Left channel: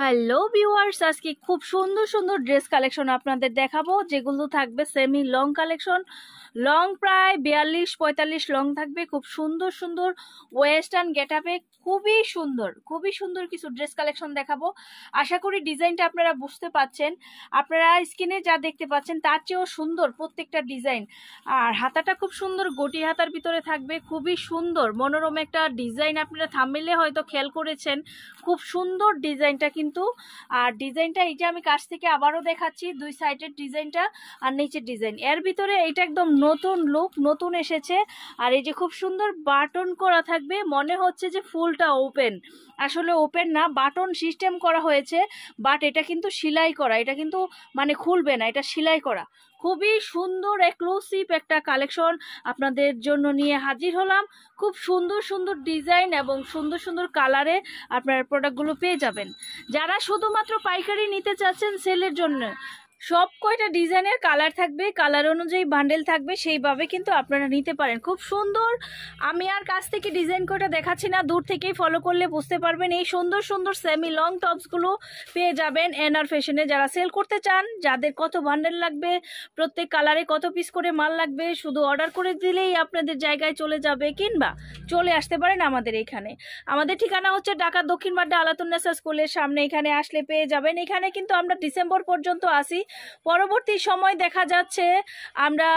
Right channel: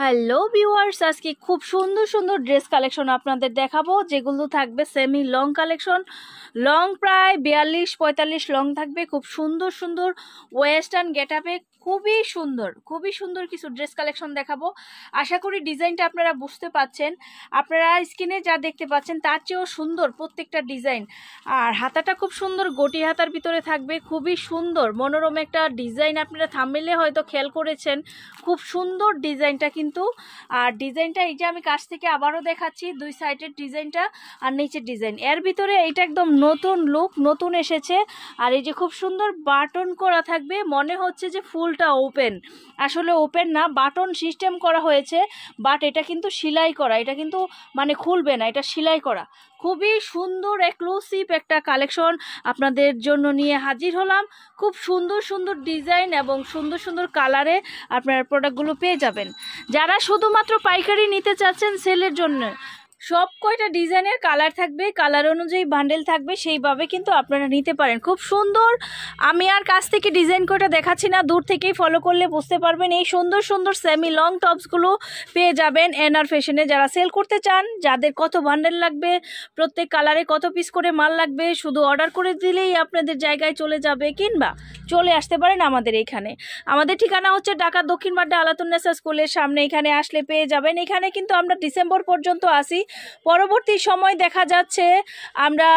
Hello viewers, আজকে খুব সুন্দর সুন্দর ড্রেস কালেকশন আপনাদের দেখাবো, যেগুলো থাকবে সেমি লং কালেকশন। লং প্রায় 42-45 লং থাকবে, খুব সুন্দর সুন্দর ওয়েস্টার্ন গেটআপে খুবই সুন্দর কিছু ড্রেস কালেকশন দেখাবো। আশা করি ডিজাইনটা আপনারা বুঝতে পাচ্ছেন। আপনারা স্ক্রিনে যা দেখতে পাচ্ছেন তার চেয়েও সুন্দর প্রত্যেকটা ডিজাইন। আর হাতাটা খুব সুন্দর গটি হাতার ভিতরে থাকবে, খুবই সুন্দর মনোরম একটা ডিজাইন। আপনারা থাম্বনেইলে হয়তো খেয়াল করেছেন, খুব সুন্দর ডিজাইনটা কিন্তু। আর ডিজাইনটা এই যে আমি কাছ থেকে আবারও দেখাচ্ছি, দুই সাইডের ডিজাইনটা আর নিচের ডিজাইন, এর ভিতরে এটা একদম নতুন লুক, নতুন এসেছে। আর এই যে খুব সুন্দর বাটন করা থাকবে, মনে হচ্ছে যে ফুলটা ওপেন, আসলে ওপেন না, বাটন সিস্টেম করা হয়েছে, বাট এটা কিন্তু সেলাই করা, এটা কিন্তু মানে খুলবে না, এটা সেলাই করা। খুবই সুন্দর এক্সক্লুসিভ একটা কালেকশন আপনাদের জন্য নিয়ে হাজির হলাম। খুব সুন্দর সুন্দর ডিজাইন এবং সুন্দর সুন্দর কালারে আপনারা প্রোডাক্টগুলো পেয়ে যাবেন। যারা শুধুমাত্র পাইকারি নিতে চাচ্ছেন সেলের জন্য, সব কয়টা ডিজাইনের কালার থাকবে, কালার অনুযায়ী বান্ডেল থাকবে, সেইভাবে কিন্তু আপনারা নিতে পারেন। খুব সুন্দর, আমি আর কাছ থেকে ডিজাইন কয়টা দেখাচ্ছি না, দূর থেকেই ফলো করলে বুঝতে পারবেন। এই সুন্দর সুন্দর সেমি লং টপসগুলো পেয়ে যাবেন এনআর ফ্যাশনে। যারা সেল করতে চান, যাদের কত বান্ডেল লাগবে, প্রত্যেক কালারে কত পিস করে মাল লাগবে, শুধু অর্ডার করে দিলেই আপনাদের জায়গায় চলে যাবে, কিংবা চলে আসতে পারেন আমাদের এইখানে। আমাদের ঠিকানা হচ্ছে ঢাকা দক্ষিণ বাড্ডা আলাতুন্নেসা স্কুলের সামনে। এখানে আসলে পেয়ে যাবেন। এখানে কিন্তু আমরা ডিসেম্বর পর্যন্ত আসি, পরবর্তী সময় দেখা যাচ্ছে আমরা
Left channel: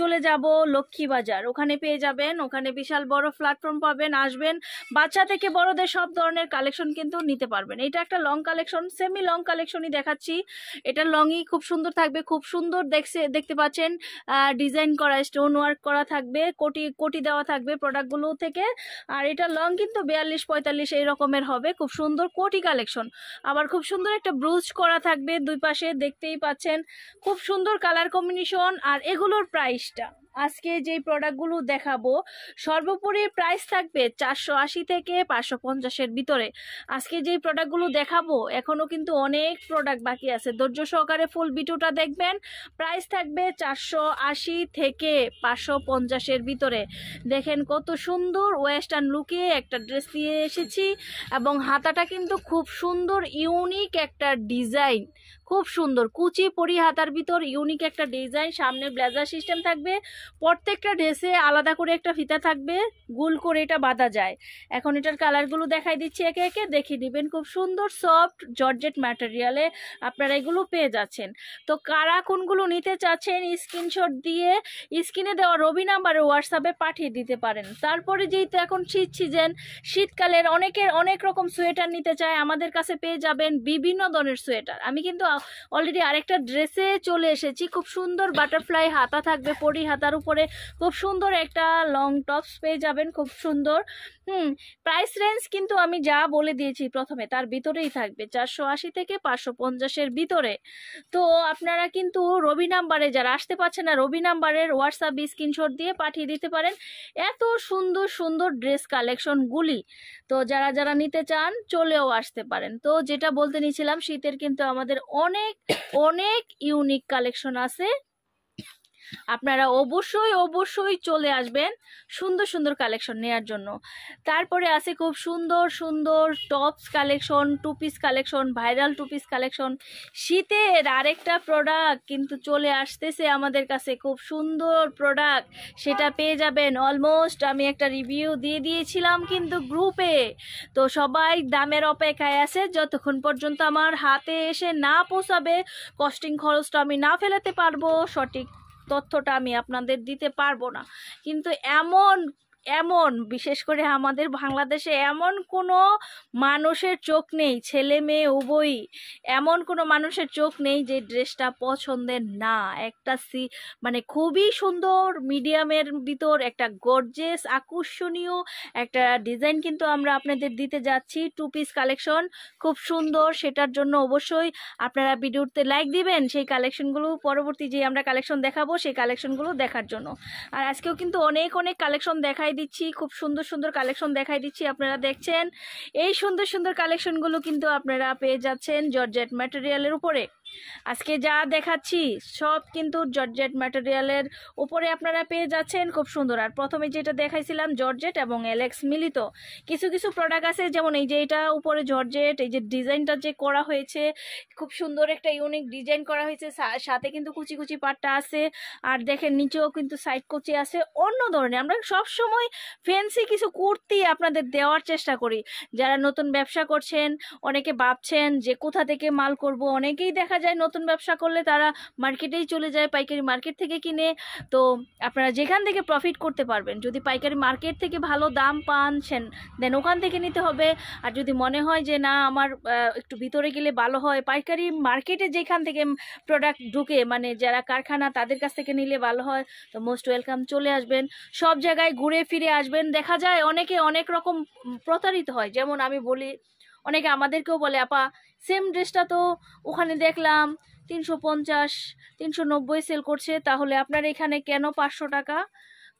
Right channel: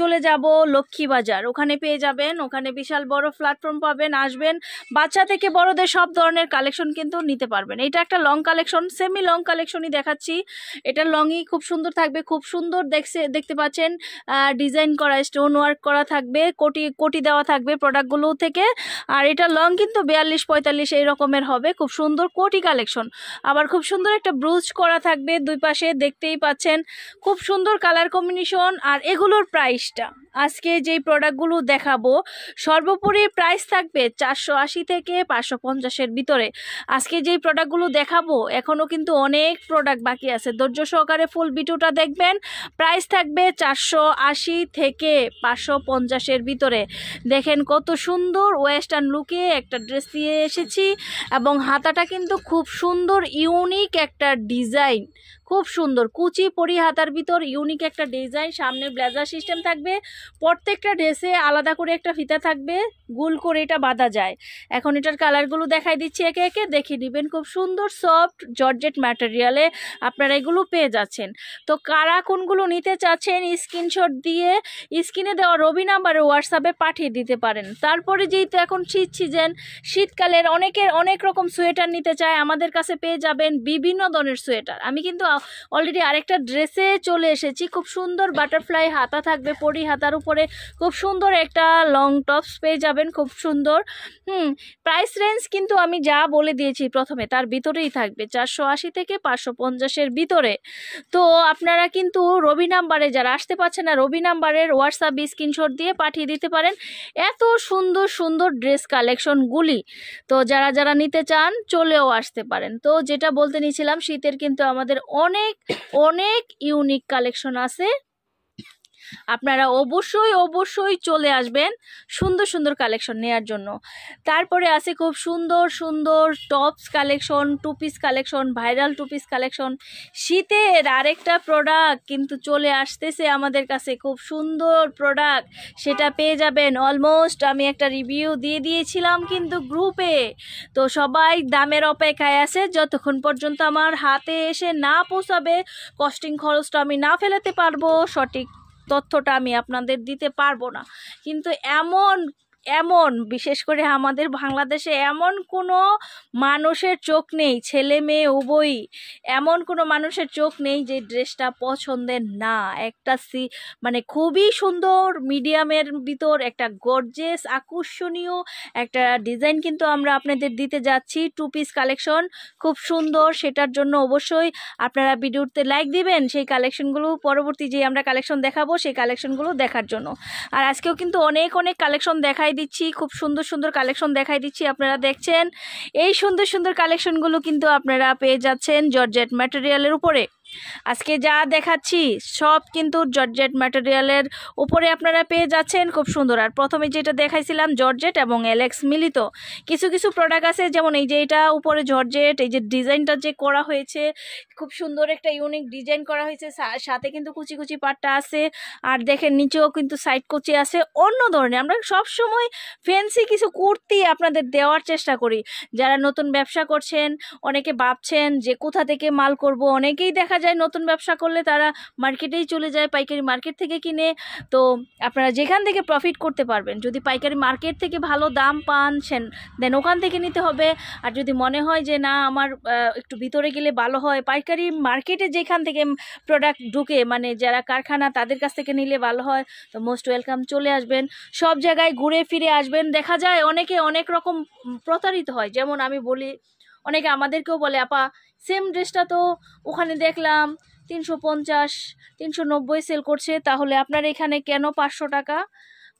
চলে যাব লক্ষ্মীবাজার, ওখানে পেয়ে যাবেন, ওখানে বিশাল বড় প্ল্যাটফর্ম পাবেন, আসবেন, বাচ্চা থেকে বড়দের সব ধরনের কালেকশন কিন্তু নিতে পারবেন। এটা একটা লং কালেকশন, সেমি লং কালেকশনই দেখাচ্ছি। এটা লংই খুব সুন্দর থাকবে, খুব সুন্দর দেখতে পাচ্ছেন, ডিজাইন করা, স্টোন ওয়ার্ক করা থাকবে, কোটি দেওয়া থাকবে প্রোডাক্টগুলো থেকে। আর এটা লং কিন্তু 42-45 এই রকমের হবে, খুব সুন্দর কোটি কালেকশন। আবার খুব সুন্দর একটা ব্রুজ করা থাকবে দুই পাশে, দেখতেই পাচ্ছেন, খুব সুন্দর কালার কম্বিনেশন। আর এগুলোর প্রাইসটা, আজকে যেই প্রোডাক্টগুলো দেখাবো সর্বোপরি প্রাইস থাকবে 480 থেকে 550-এর ভিতরে। আজকে যেই প্রোডাক্টগুলো দেখাবো, এখনও কিন্তু অনেক প্রোডাক্ট বাকি আছে, ধৈর্য সহকারে ফুল ভিডিওটা দেখবেন। প্রাইস থাকবে 480 থেকে 550-এর ভিতরে। দেখেন কত সুন্দর ওয়েস্টার্ন লুকে একটা ড্রেস দিয়ে এসেছি, এবং হাতাটা কিন্তু খুব সুন্দর ইউনিক একটা ডিজাইন, খুব সুন্দর কুচি পরি হাতার ভিতর ইউনিক একটা ডিজাইন। সামনে ব্লেজার সিস্টেম থাকবে, প্রত্যেকটা ড্রেসে আলাদা করে একটা ফিতা থাকবে, গোল করে এটা বাঁধা যায়। এখন এটার কালারগুলো দেখাই দিচ্ছি, একে একে দেখিয়ে দিবেন। খুব সুন্দর সফট জর্জেট ম্যাটেরিয়ালে আপনারা এগুলো পেয়ে যাচ্ছেন। তো কারা কোনগুলো নিতে চাচ্ছেন, স্ক্রিনশট দিয়ে স্ক্রিনে দেওয়া রবি নাম্বারে হোয়াটসঅ্যাপে পাঠিয়ে দিতে পারেন। তারপরে যেহেতু এখন শীত সিজন, শীতকালের অনেকের অনেক রকম সোয়েটার নিতে চায়, আমাদের কাছে পেয়ে যাবেন বিভিন্ন ধরনের সোয়েটার। আমি কিন্তু অলরেডি আরেকটা ড্রেসে চলে এসেছি, খুব সুন্দর বাটারফ্লাই হাতা থাকবে, পরি হাতার উপরে খুব সুন্দর একটা লং টপস পেয়ে যাবেন, খুব সুন্দর। প্রাইস রেঞ্জ কিন্তু আমি যা বলে দিয়েছি প্রথমে, তার ভিতরেই থাকবে 480 থেকে 550-এর ভিতরে। তো আপনারা কিন্তু রবি নাম্বারে, যারা আসতে পারছে না, রবি নাম্বারের হোয়াটসঅ্যাপ স্ক্রিনশট দিয়ে পাঠিয়ে দিতে পারেন এত সুন্দর সুন্দর ড্রেস কালেকশনগুলি। তো যারা যারা নিতে চান চলেও আসতে পারেন। তো যেটা বলতে নিয়েছিলাম, শীতের কিন্তু আমাদের অনেক অনেক ইউনিক কালেকশন আছে, আপনারা অবশ্যই চলে আসবেন সুন্দর সুন্দর কালেকশন নেওয়ার জন্য। তারপরে আছে খুব সুন্দর সুন্দর tops collection, two piece collection, viral two piece collection. শীতের আরেকটা প্রোডাক্ট কিন্তু চলে আসতেছে আমাদের কাছে, খুব সুন্দর প্রোডাক্ট, সেটা পেয়ে যাবেন। অলমোস্ট আমি একটা রিভিউ দিয়ে দিয়েছিলাম কিন্তু গ্রুপে, তো সবাই দামের অপেক্ষায় আছে। যতক্ষণ পর্যন্ত আমার হাতে এসে না পৌঁছাবে, কস্টিং খরচটা আমি না ফেলাতে পারবো, সঠিক তথ্যটা আমি আপনাদের দিতে পারবো না। কিন্তু এমন বিশেষ করে আমাদের বাংলাদেশে এমন কোনো মানুষের চোখ নেই, ছেলে মেয়ে উভয়ই, এমন কোনো মানুষের চোখ নেই যে ড্রেসটা পছন্দের না। একটা মানে খুবই সুন্দর মিডিয়ামের ভিতর একটা গর্জিয়াস আকর্ষণীয় একটা ডিজাইন কিন্তু আমরা আপনাদের দিতে যাচ্ছি। টু পিস কালেকশন খুব সুন্দর, সেটার জন্য অবশ্যই আপনারা ভিডিওতে লাইক দিবেন, সেই কালেকশনগুলো পরবর্তী যে আমরা কালেকশন দেখাবো সেই কালেকশনগুলো দেখার জন্য। আর আজকেও কিন্তু অনেক কালেকশন দেখাই দিচ্ছি, খুব সুন্দর সুন্দর কালেকশন দেখাই দিচ্ছি। আপনারা দেখছেন এই সুন্দর সুন্দর কালেকশনগুলো কিন্তু আপনারা পেয়ে যাচ্ছেন জর্জেট ম্যাটেরিয়ালের উপরে। আজকে যা দেখাচ্ছি সব কিন্তু জর্জেট ম্যাটেরিয়ালের উপরে আপনারা পেয়ে যাচ্ছেন, খুব সুন্দর। আর প্রথমে যেটা দেখাইছিলাম জর্জেট এবং এলেক্স মিলিত, কিছু কিছু প্রোডাক্ট আছে যেমন এই যে এটা উপরে জর্জেট, এই যে ডিজাইনটা যে করা হয়েছে খুব সুন্দর একটা ইউনিক ডিজাইন করা হয়েছে, সাথে কিন্তু কুচি কুচি পাটটা আছে। আর দেখেন নিচেও কিন্তু সাইড কুচি আছে, অন্য ধরনের। আমরা সব সময় ফ্যান্সি কিছু কুর্তি আপনাদের দেওয়ার চেষ্টা করি। যারা নতুন ব্যবসা করছেন, অনেকে ভাবছেন যে কোথা থেকে মাল করব, অনেকেই দেখা যায় নতুন ব্যবসা করলে তারা মার্কেটেই চলে যায়, পাইকারি মার্কেট থেকে কিনে। তো আপনারা যেখান থেকে প্রফিট করতে পারবেন, যদি পাইকারি মার্কেট থেকে ভালো দাম পান দেন ওখান থেকে নিতে হবে। আর যদি মনে হয় যে না আমার একটু ভিতরে গেলে ভালো হয়, পাইকারি মার্কেটে যেখান থেকে প্রোডাক্ট ঢুকে মানে যারা কারখানা তাদের কাছ থেকে নিলে ভালো হয়, তো মোস্ট ওয়েলকাম, চলে আসবেন। সব জায়গায় ঘুরে ফিরে আসবেন। দেখা যায় অনেকে অনেক রকম প্রতারিত হয়, যেমন আমি বলি অনেকে আমাদেরকেও বলে আপা সেম ড্রেসটা তো ওখানে দেখলাম 350 390 সেল করছে, তাহলে আপনার এখানে কেন 500 টাকা?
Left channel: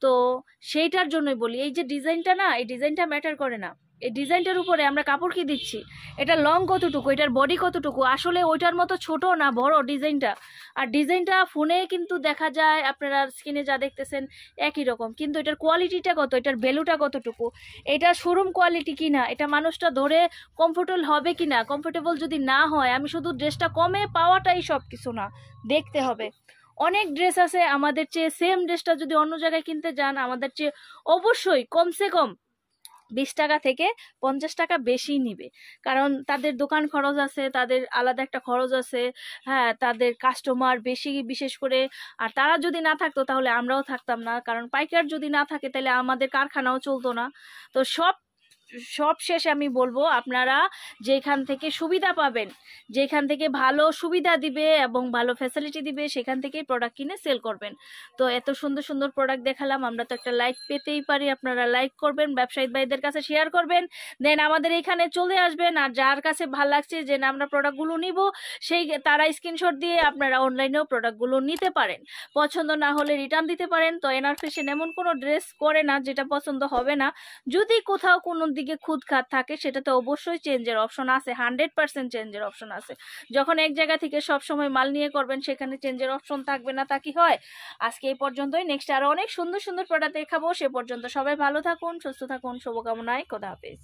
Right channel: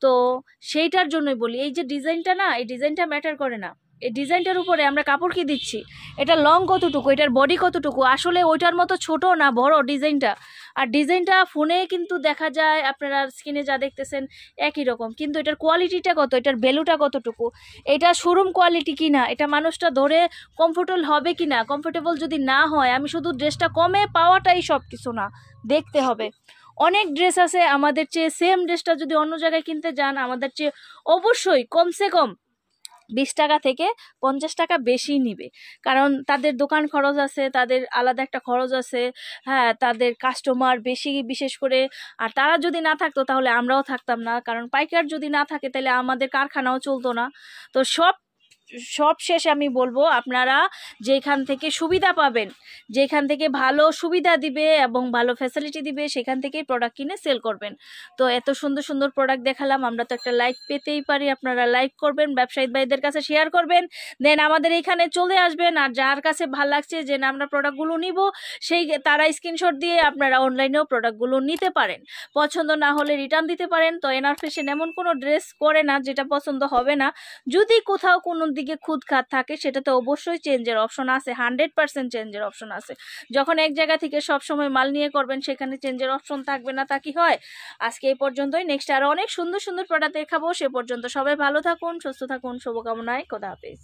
তো সেইটার জন্যই বলি এই যে ডিজাইনটা না, এই ডিজাইনটা ম্যাটার করে না। এই ডিজাইনটার উপরে আমরা কাপড় কি দিচ্ছি, এটা লং কতটুকু, এটার বডি কতটুকু, আসলে ওইটার মতো ছোট না বড় ডিজাইনটা। আর ডিজাইনটা ফোনে কিন্তু দেখা যায়, আপনারা স্ক্রিনে যা দেখতেছেন একই রকম, কিন্তু এটার কোয়ালিটিটা কত, এটার ভ্যালুটা কতটুকু, এটা শোরুম কোয়ালিটি কিনা, এটা মানুষটা ধরে কমফোর্টেবল হবে কিনা। কমফোর্টেবল যদি না হয়, আমি শুধু ড্রেসটা কমে পাওয়াটাই সব কিছু না, দেখতে হবে। অনেক ড্রেস আছে আমাদের চেয়ে, সেম ড্রেসটা যদি অন্য জায়গায় কিনতে যান আমাদের চেয়ে অবশ্যই কমসে কম 20 টাকা থেকে 50 টাকা বেশি নিবে, কারণ তাদের দোকান খরচ আছে, তাদের আলাদা একটা খরচ আছে। হ্যাঁ, তাদের কাস্টমার বেশি বিশেষ করে। আর তারা যদি না থাকতো তাহলে আমরাও থাকতাম না, কারণ পাইকার যদি না থাকে তাহলে আমাদের কারখানাও চলতো না। তো সব শেষে আমি বলবো আপনারা যেখান থেকে সুবিধা পাবেন, যেখান থেকে ভালো সুবিধা দিবে এবং ভালো ফ্যাসিলিটি দিবে, সেখান থেকেই প্রোডাক্ট কিনে সেল করবেন। তো এত সুন্দর সুন্দর প্রোডাক্ট দেখালাম, আমরা তো একটা লাইক পেতেই পারি, আপনারা লাইক করবেন, ব্যবসায়ী ভাইদের কাছে শেয়ার করবেন, দেন আমাদের এখানে চলে আসবেন। আর যার কাছে ভালো লাগছে যে না আমরা প্রোডাক্টগুলো নিব, সেই তারা স্ক্রিনশট দিয়ে আপনারা অনলাইনেও প্রোডাক্টগুলো নিতে পারেন। পছন্দ না হলে রিটার্ন দিতে পারেন। তো এনআর ফ্যাশন এমন কোনো ড্রেস করে না যেটা পছন্দ হবে না। যদি কোথাও কোনো দিকে খুঁতখাত থাকে সেটাতে অবশ্যই চেঞ্জের অপশন আছে, 100% চেঞ্জের অপশন আছে। যখন এক জায়গা থেকে সব সময় মাল নিয়ে করবেন সেখানে চেঞ্জের অপশন থাকবে না, তা কি হয়? আজকে এই পর্যন্তই, নেক্সট আরো অনেক সুন্দর সুন্দর প্রোডাক্ট দেখাবো। সে পর্যন্ত সবাই ভালো থাকুন, সুস্থ থাকুন, শুভকামনায়, খোদা হাফেজ।